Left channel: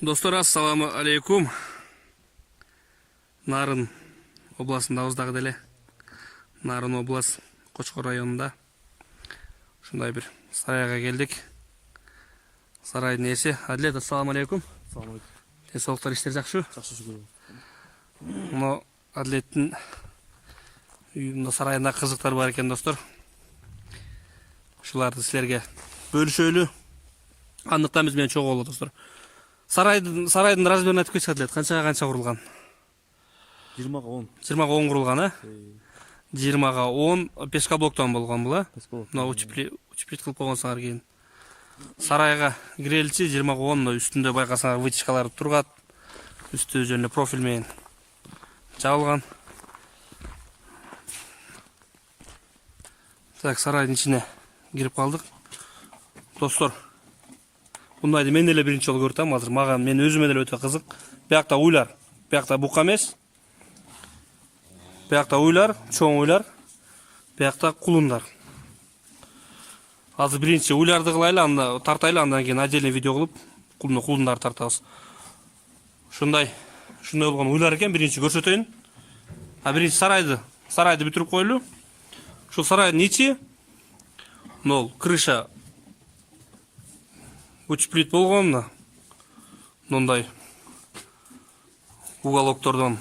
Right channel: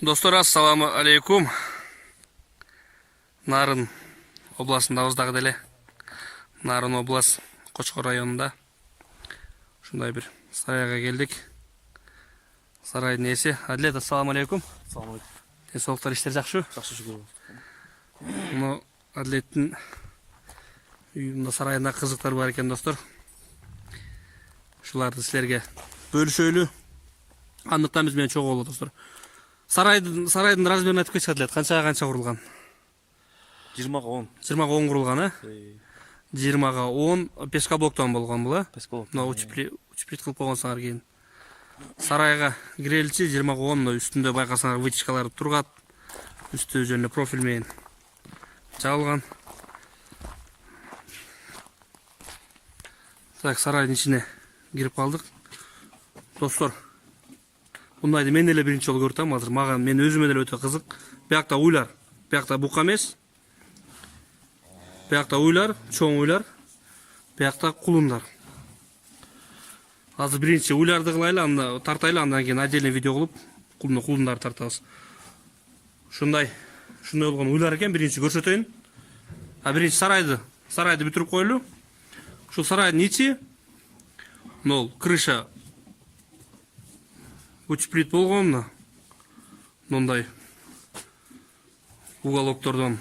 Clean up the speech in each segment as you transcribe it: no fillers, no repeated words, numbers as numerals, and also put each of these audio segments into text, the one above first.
Достор, ассаламу алейкум. Нарын областындабыздагы деле. Нарын область Кочкор районунда. Ушундай бир сарайга келдик. Сарайдын ээси Адлет, ассаламу алейкум. Денсаулыктар, иштер жакшыбы? Жакшы, шүгүр. Муну Адлеттин үйүндө сарайында кызыктар бар экен, достор. Ушуларды силерге бөлүшөлү. Андыктан биз менен чогуу болот, достор. Сарайдын размерин айтып кетсек, Адлет, канча курулган? 20-га 10. 20-га 10 курулган, э? 20-га 10 пескоблоктон болгон бул, э? Мына учплит кылып койгонсуңар кийин. Сарайга киреличи 20-га 10, үстүндө байкасаңар вытяжкалар тургат. Үстү жөнүндө профиль менен жабылган. Так, сарайдын ичине кирип калдык. Достор, мындайды мен эле биринчи жолу көрүп атам азыр. Мага мен өзүмө деле өтө кызык. Биякта уйлар, биякта бука эмес. Биякта уйлар, чоң уйлар. Биякта кулундар. Азыр биринчи уйларды кылайлы, анда тартайлы, андан кийин отдельный видео кылып, кулундарды тартабыз. Ушундай болгон уйлар экен, биринчи көрсөтөйүн. Биринчи сарайды бүтүрүп коелу. Ушул сарайдын ичи, нол крыша учплит болгон, мындай уголоктордон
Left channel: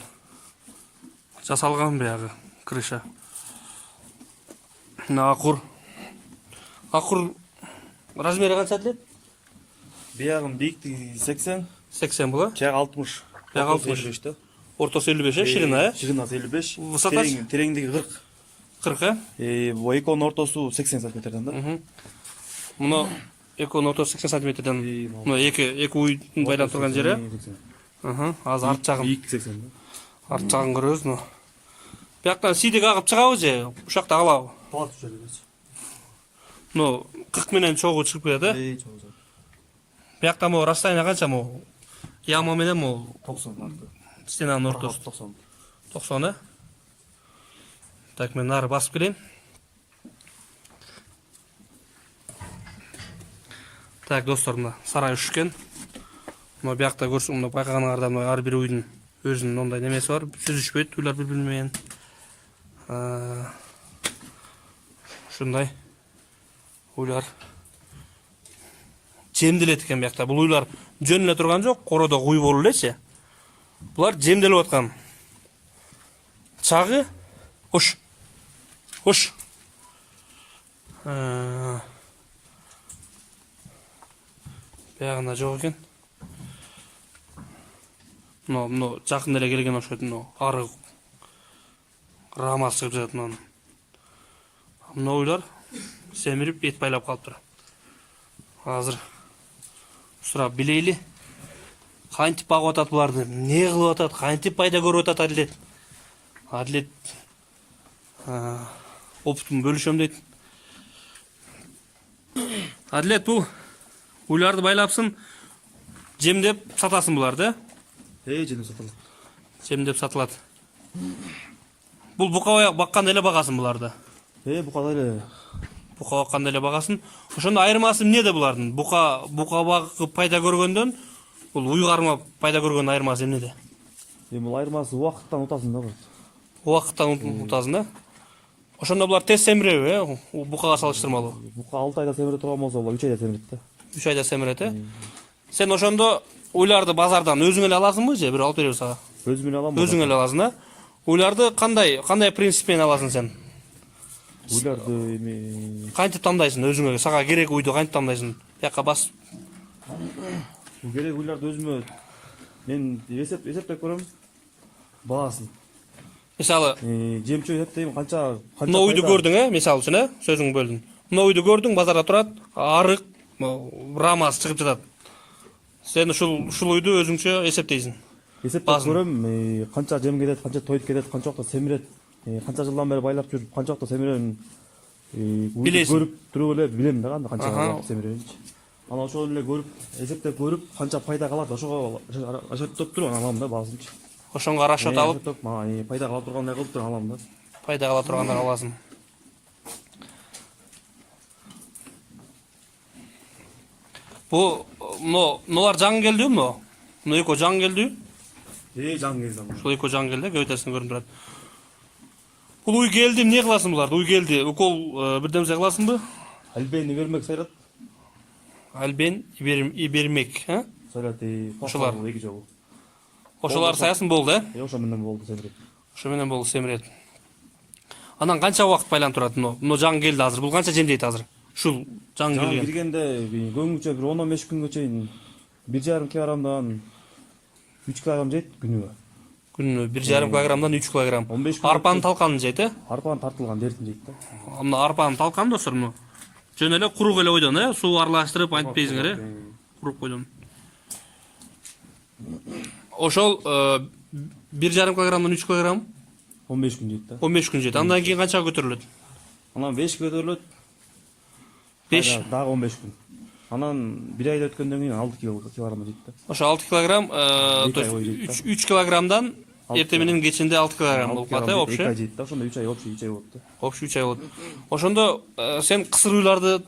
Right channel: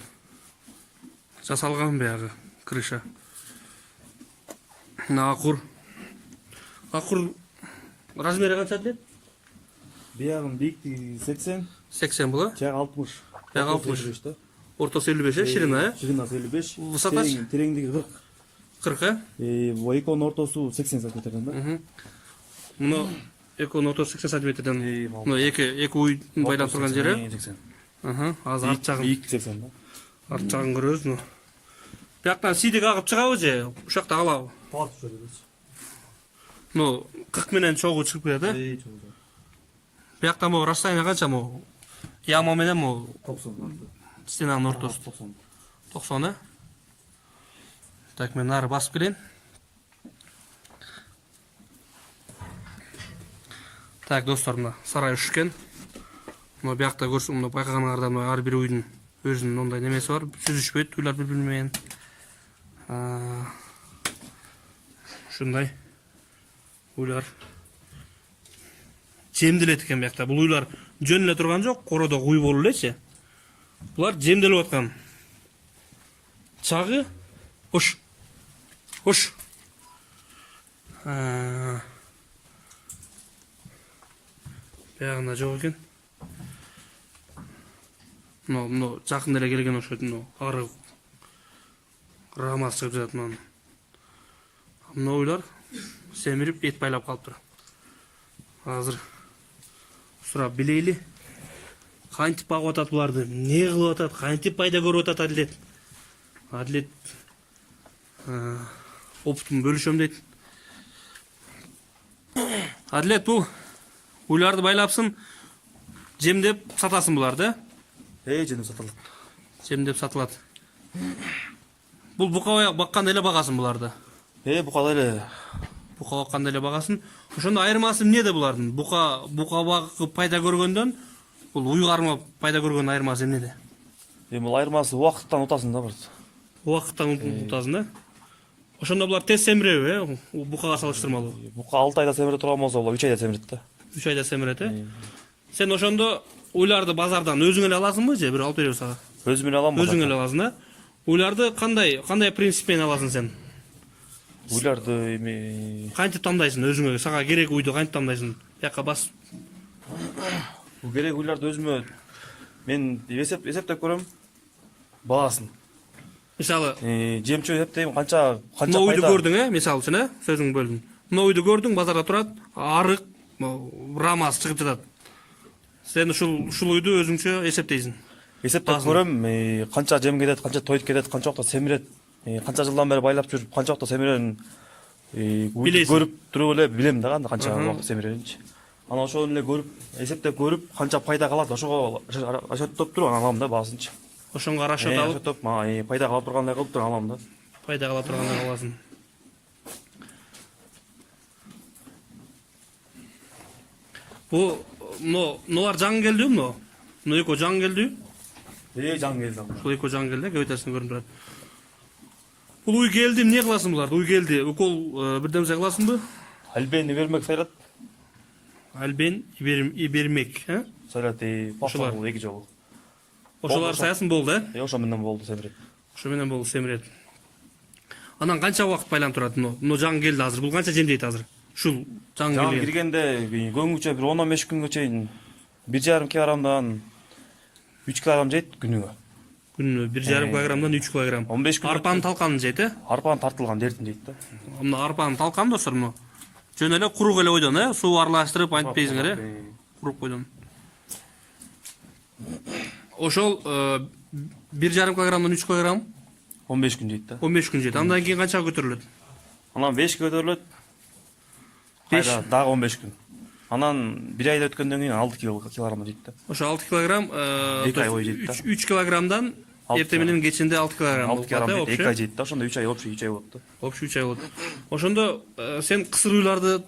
жасалган биягы крыша. Акур размери канча делет? Биягын бийиктиги 80. 80 бул, э? Жагы 60. Жагы 60. Ортосу 55, э? Ширина, э? Ширинасы 55. Высотасы? Тереңдиги 40. 40, э? Бу эконун ортосу 80 сантиметрден да. Муну эконун ортосу 80 сантиметрден. Муну эки уйдун байланып турган жери. Азыр арт жагын. Бийик 80 да. Арт жагын көрөбүз. Бияктан сидик агып чыгабы же, ушакта калабы? Тоо түшөбүз. 40 менен чогуу чыгып келет, э? Биякта могу расстояние канча могу? Яма менен могу 90. стенанын ортосу 90, э? Так, мен нары басып келейин. Так, достор, мына сарай үшкен. Мына биякта көрсөң, мына байкаганыңарда мына ар бир уйдун өзүнүн ондай немеси бар. Сүзүшпөйт, уйлар бири-бири менен. Ушундай уйлар жемделет экен биякта. Бул уйлар жөн эле турган жок, кородо уй болуп элечи. Булар жемделип аткан. Чагы ош. Биягында жок экен. Мына жакын эле келген окшойт, мына ары рама чыгып жатат мынан. Мына уйлар семирип эт байлап калыптыр. Азыр сурап билейли. Кантип багып атат буларды, эмне кылып атат, кантип пайда көрүп атат Адлет опытын бөлүшөм дейт. Адлет, бул уйларды байлапсың, жемдеп сатасың буларды, э? Жемдеп сатылат. Жемдеп сатылат. Бул бука бакканда эле багасың буларды. Бука эле. Бука бакканда эле багасың. Ошондо айырмасы эмнеде булардын? Бука багып пайда көргөндөн бул уй кармап пайда көргөндүн айырмасы эмнеде? Бул айырмасы убакыттан утасың да, бирд. Убакыттан утасың да? Ошондо булар тез семиреби, э? Букага салыштырмалуу. Бука 6 айда семире турган болсо, булар 3 айда семирет да. 3 айда семирет, э? Сен ошондо уйларды базардан өзүң эле аласыңбы же бир алып береби сага? Өзүм эле алам. Өзүң эле аласың да? Уйларды кандай принцип менен аласың сен? Уйларды кантип тандайсың өзүң эле? Сага керек уйду кантип тандайсың? Бияка бас. Керек уйларды өзүмө мен эсептеп көрөм. Баасын. Мисалы, жемчөө эсептейм, канча мына уйду көрдүң, э? Мисалы үчүн, э? Сөзүң бөлдүм. Мына уйду көрдүң, базарда турат, арык, рамасы чыгып жатат. Сен ушул уйду өзүңчө эсептейсиң. Эсептеп көрөм, канча жем кетет, канча тойт кетет, канча убакта семирет, канча жылдан бери байлап жүрүп, канча убакта семирерин көрүп туруп эле билем да, канча убакта семиреринчи. Анан ошону эле көрүп, эсептеп көрүп, канча пайда калат, ошого расчеттоп туруп алам да баасынчы. Ошонго расчет алып, пайда кала тургандай кылып туруп алам да. Пайда кала тургандай аласың. Мыналар жаңы келди мына. Мына экөө жаңы келди. Жаңы келди. Ушул экөө жаңы келди, көбөйтөсүн көрүнүп турат. Бул уй келди, эмне кыласың буларды? Уй келди, укол бирдемсе кыласыңбы? Альбейни бермек сайлат. Альбен бермек, Сайлат ошолар эки жолу. Ошолар саясын болду, Ошо менен болду семирет. Ошо менен болду семирет. Анан канча убакыт байланып турат мына жаңы келди азыр? Бул канча жемдейт азыр? Ушул жаңы келген. Киргенде көңгүчө бир 10-15 күнгө чейин 1,5 килограммдан 3 килограмм жейт күнүгө. Күнүнө 1,5 килограммдан 3 килограмм. 15 күн. Арпанын талканын жейт, Арпанын тартылган дертин жейт да. Мына арпанын талканы достор, мына. Жөн эле курук эле ойдон, суу аралаштырып антпейсиңер, курук ойдон. Ошол 1,5 килограммдан 3 килограмм 15 күн жейт да. 15 күн жейт. Андан кийин канчага көтөрүлөт? Анан 5 көтөрүлөт. 5 дагы 15 күн. Анан 1 айда өткөндөн кийин 6 килограмм жейт да. Ошо 6 килограмм, то есть 3 килограммдан эртең менен кечинде 6 килограмм болуп калат, общий. 2 ай жейт да, ошондо 3 ай общий 3 ай болот да. Общий 3 ай болот. Ошондо сен кысыр уйларды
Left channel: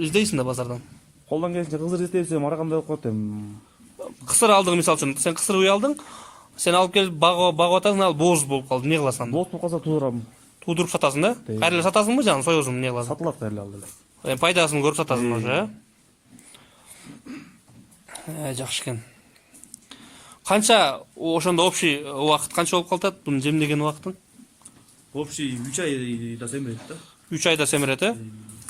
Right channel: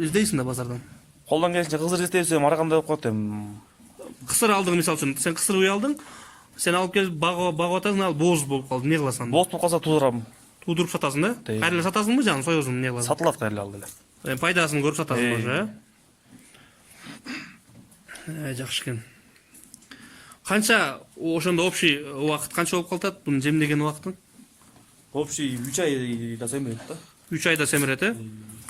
издейсиң да базардан. Колдон келишинче кызыр издесем ар кандай болуп калат эми. Кысыр алдың, мисалы үчүн, сен кысыр уй алдың, сен алып келип багып атасың, ал боз болуп калды, эмне кыласың? Боз болуп калса туудурам. Туудуруп сатасың да? Кайра эле сатасыңбы, жана соёсуң, эмне кыласың? Сатылат кайра алды эле. Пайдасын көрүп сатасың ошо, жакшы экен. Канча ошондо общий убакыт канча болуп калат буну жемдеген убакытың? Общий 3 айда семирет да. 3 айда семирет,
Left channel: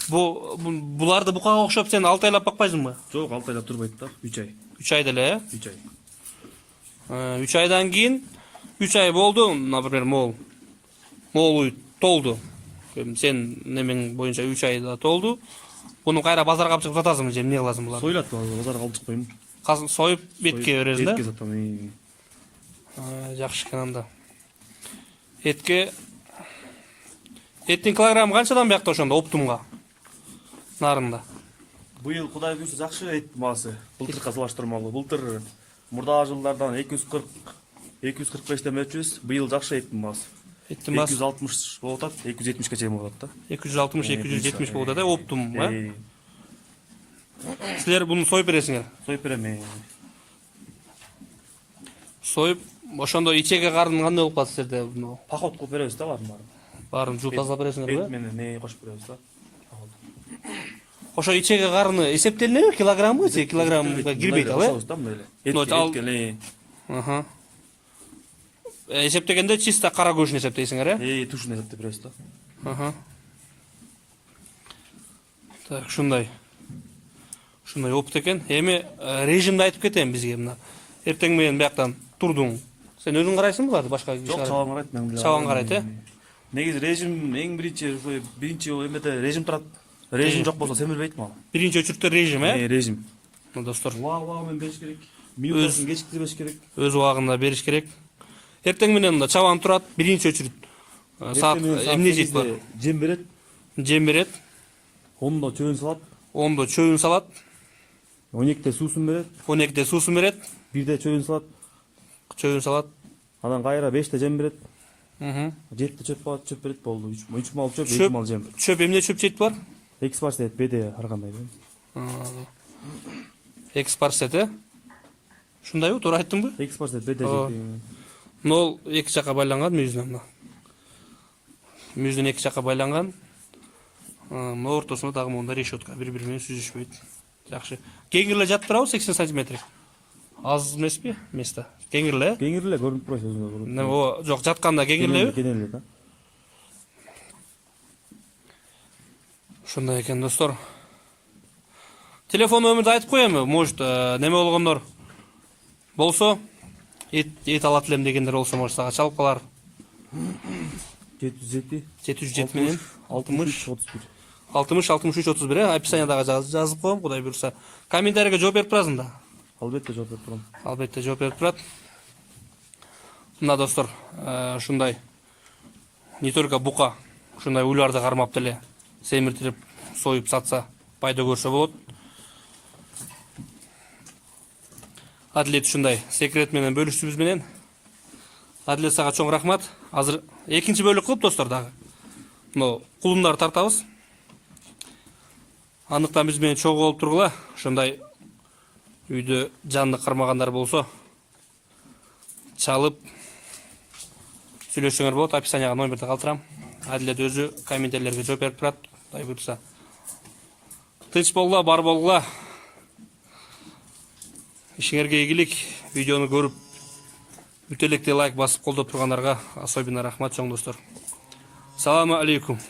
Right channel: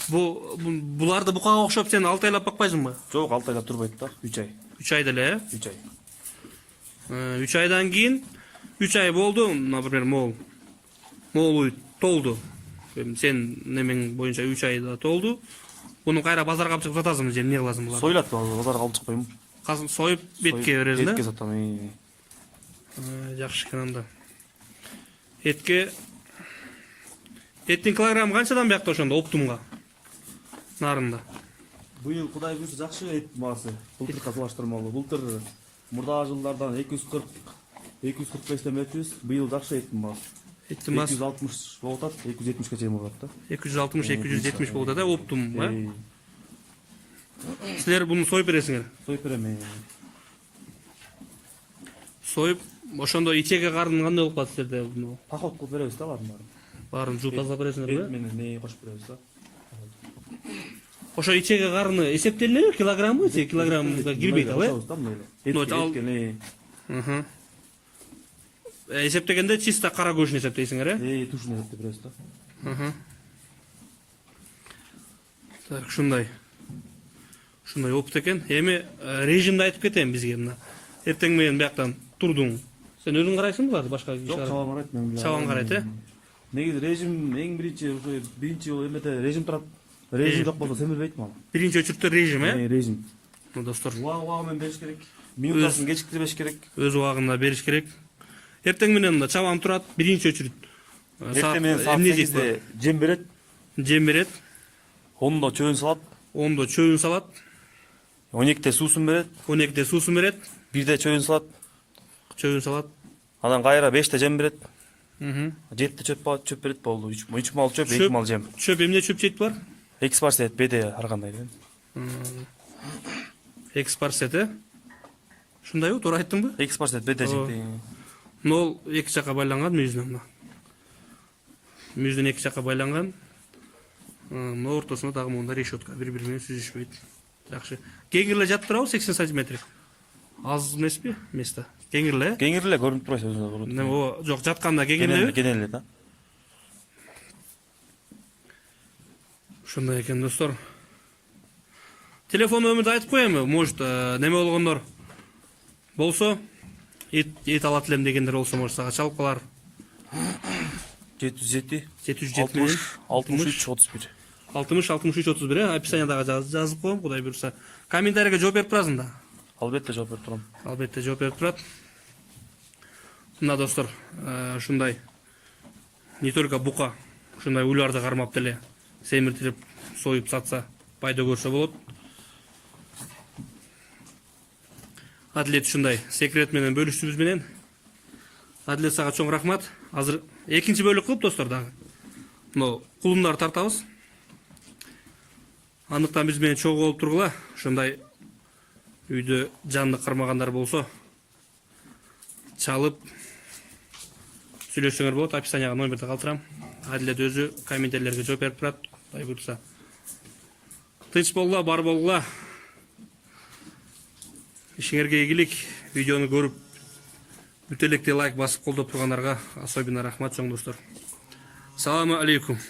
Буларды букага окшоп сен 6 айлап бакпайсыңбы? Жок, 6 айлап турбайт да, 3 ай. 3 айда эле, 3 ай. 3 айдан кийин 3 ай болду, например, мол уй толду. Сен немең боюнча 3 айда толду. Буну кайра базарга алып чыгып сатасыңбы же эмне кыласың буларды? Сойлат базарга алып чыкпайм. Союп бетке бересиң да? Бетке сатам. Жакшы экен анда. Эттин килограммы канчадан биякта ошондо оптумга? Нарында. Быйыл Кудай буйрса жакшы эт маасы. Былтыркы салыштырмалуу. Былтыр мурдагы жылдардан 240-245 өчүбүз. Быйыл жакшы эттин маасы. Эттин маасы 260 болуп атат, 270ке чейин болот да. 260-270 болуп атат, оптум, Силер буну союп бересиңер? Союп берем. Союп, ошондо ичеге карын кандай болуп калат силерде? Поход кылып беребиз да баарын. Баарын жууп тазалап бересиңерби? Эт менен кошуп беребиз да. Ошо ичеге карыны эсептелинеби? Килограммбы же килограммга кирбейт ал, эсептегенде чисто кара көшүн эсептейсиңер, Тушун эсептеп беребиз да. Так, ушундай опыт экен. Эми режимди айтып кетейин бизге мына. Эртең менен бияктан турдуң. Сен өзүң карайсыңбы буларды, башка киши? Жок, чабан карайт мен. Чабан карайт, Негизи режим эң биринчи эмеде режим турат. Режим жок болсо семирбейт мал. Биринчи очередте режим, Режим. Достор, Убагы менен бериш керек. Минутасын кечиктирбеш керек. өз убагында бериш керек. Эртең менен мында чабан турат, биринчи очеред. Саат эмне жейт бар? Жем берет. Жем берет. 10-до чөбүн салат. 10-до чөбүн салат. 12-те суусун берет. 12-те суусун берет. 1-де чөбүн салат. Анан кайра 5-те жем берет. 7-те чөп берет болду. 3 мал чөп, 2 мал жем. Чөп эмне чөп жейт бар? Экспарсет, БД ар кандай. Экспарсет, Ушундайбы, туура айттыңбы? Экспарсет, БД жейт. Нол эки жакка байланган мүйүздөн. Мүйүздөн эки жакка байланган. Мына ортосуна дагы монда решетка, бири-бири менен сүзүшпөйт. Жакшы. Кеңирле жатып 80 см. Аз эмеспи? Место. Кеңирле? Кеңирле көрүнүп турат өзүнө. Жок, жатканда кеңирлеби? Кеңирле да. Ушундай экен, достор. Телефон номерди айтып коеюнбу? Может, неме болгондор болсо, эт алат элем дегендер болсо, может, сага чалып калар. 707 менен 63-31. 60-63-31, описаниядагы жазып коем, Кудай буйрса. Комментарийге жооп берип турасың да? Албетте жооп берип турам. Албетте жооп берип турат. Мына достор, ушундай не только бука, ушундай уйларды кармап деле семиртирип, союп сатса, пайда көрсө болот. Адилет ушундай секрет менен бөлүштүбүз менен. Адилет, сага чоң рахмат. Азыр экинчи бөлүк кылып достор дагы. Мына кулумдарды тартабыз. Андыктан биз менен чогуу болуп тургула. Ушундай үйдө жанды кармагандар болсо чалып сүйлөшсөңөр болот. Описанияга номерди калтырам. Адилет өзү комментарийлерге жооп берип турат. Кудай буйрса. Тынч болгула, бар болгула. Ишиңерге ийгилик. Видеону көрүп бүтө электе лайк басып колдоп тургандарга особенно рахмат чоң достор. Саламу алейкум.